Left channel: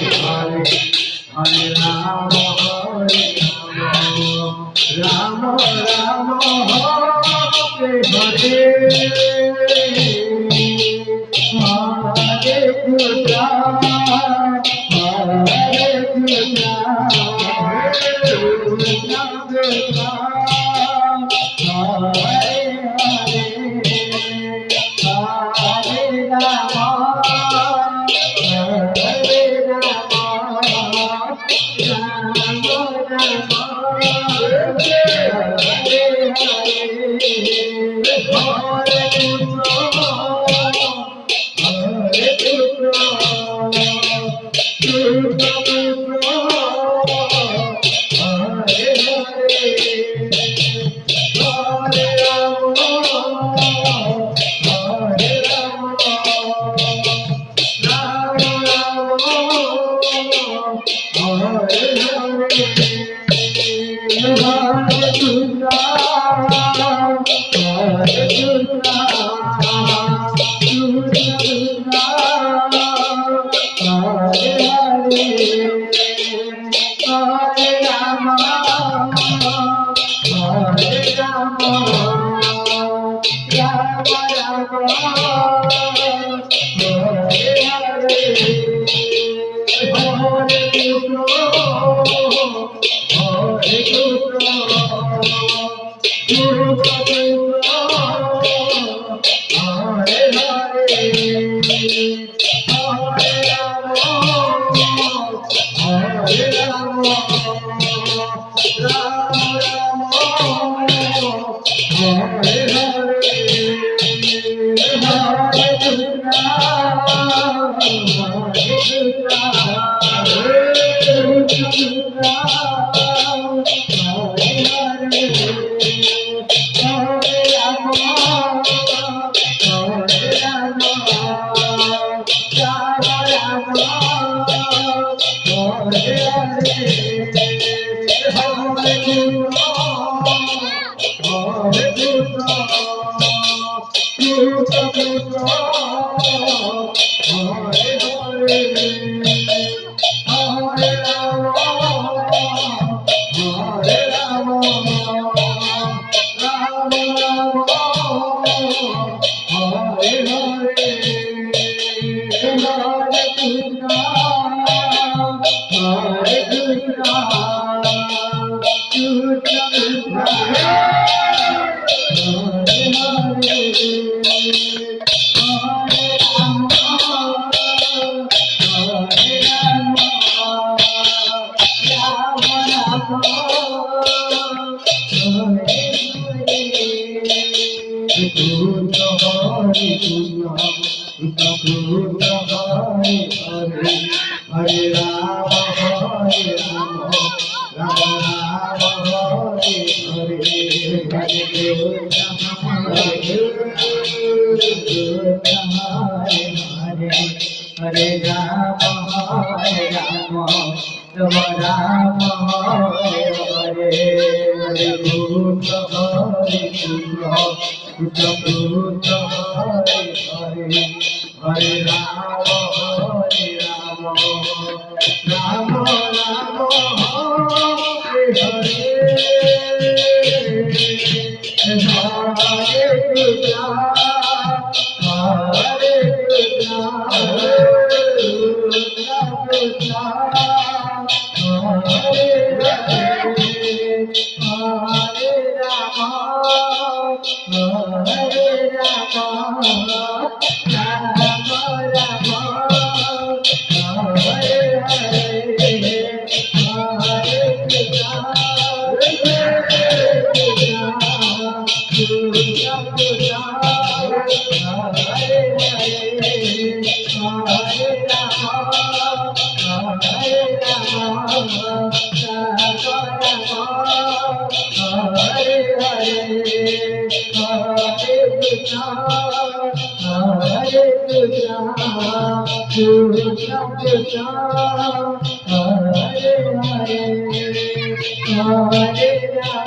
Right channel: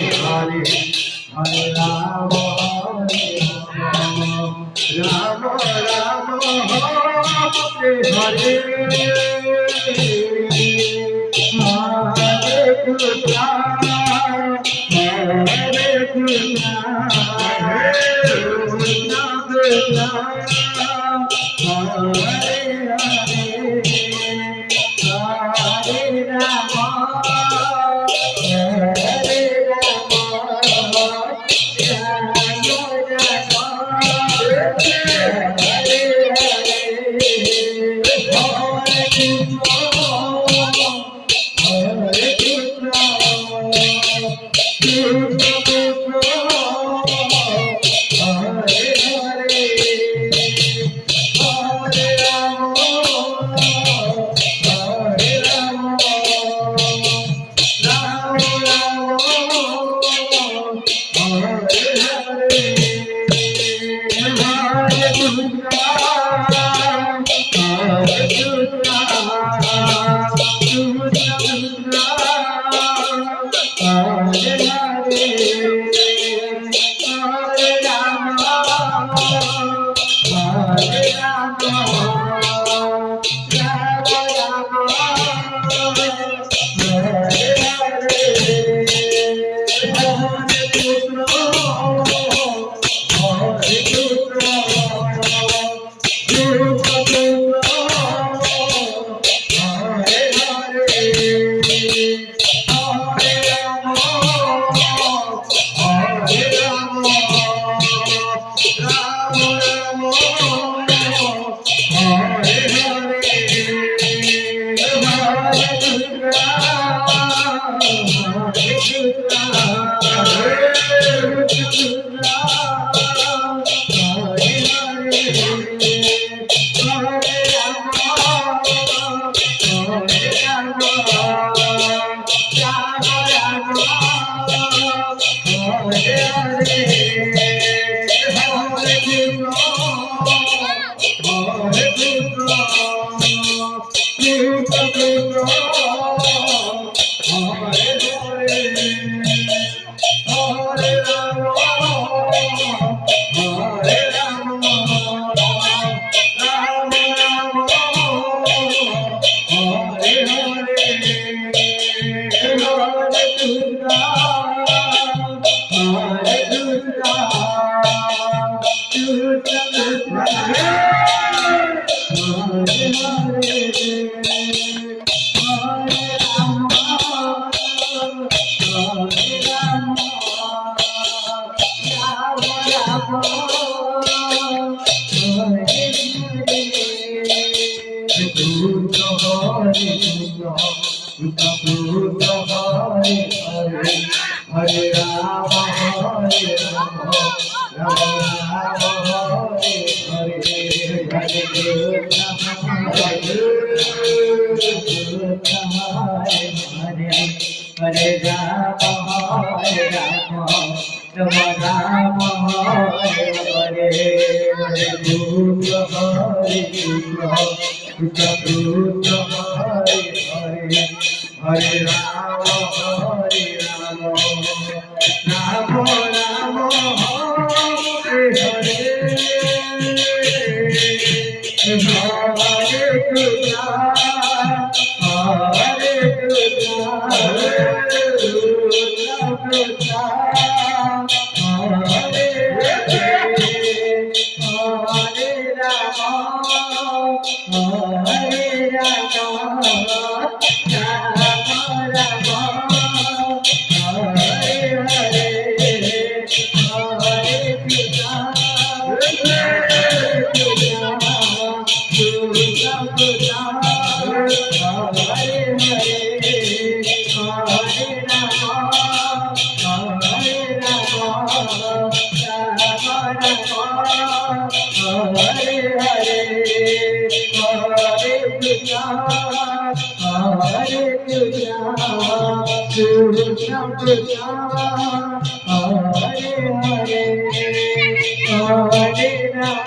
Hare Rama, Rama Rama, Hare Hare, Hare Krishna, Hare Krishna, Krishna Krishna, Hare Hare, Hare Rama, Hare Rama, Rama Rama, Hare Rama, Hare Rama, Rama Rama, Hare Hare, Hare Krishna, Hare Rama, Hare Rama, Rama Rama, Hare Hare, Hare Krishna, Krishna Krishna, Hare Hare, Hare Rama, Hare Rama, Rama Rama, Hare Hare, Hare Krishna, Hare Krishna, Krishna Krishna, Hare Hare, Hare Rama, Hare Rama, Rama Rama, Hare Hare, Hare Krishna, Hare Krishna, Krishna Krishna, Hare Hare, Hare Rama, Hare Rama, Rama Rama, Hare Hare, Hare Krishna, Hare Krishna, Krishna Krishna, Hare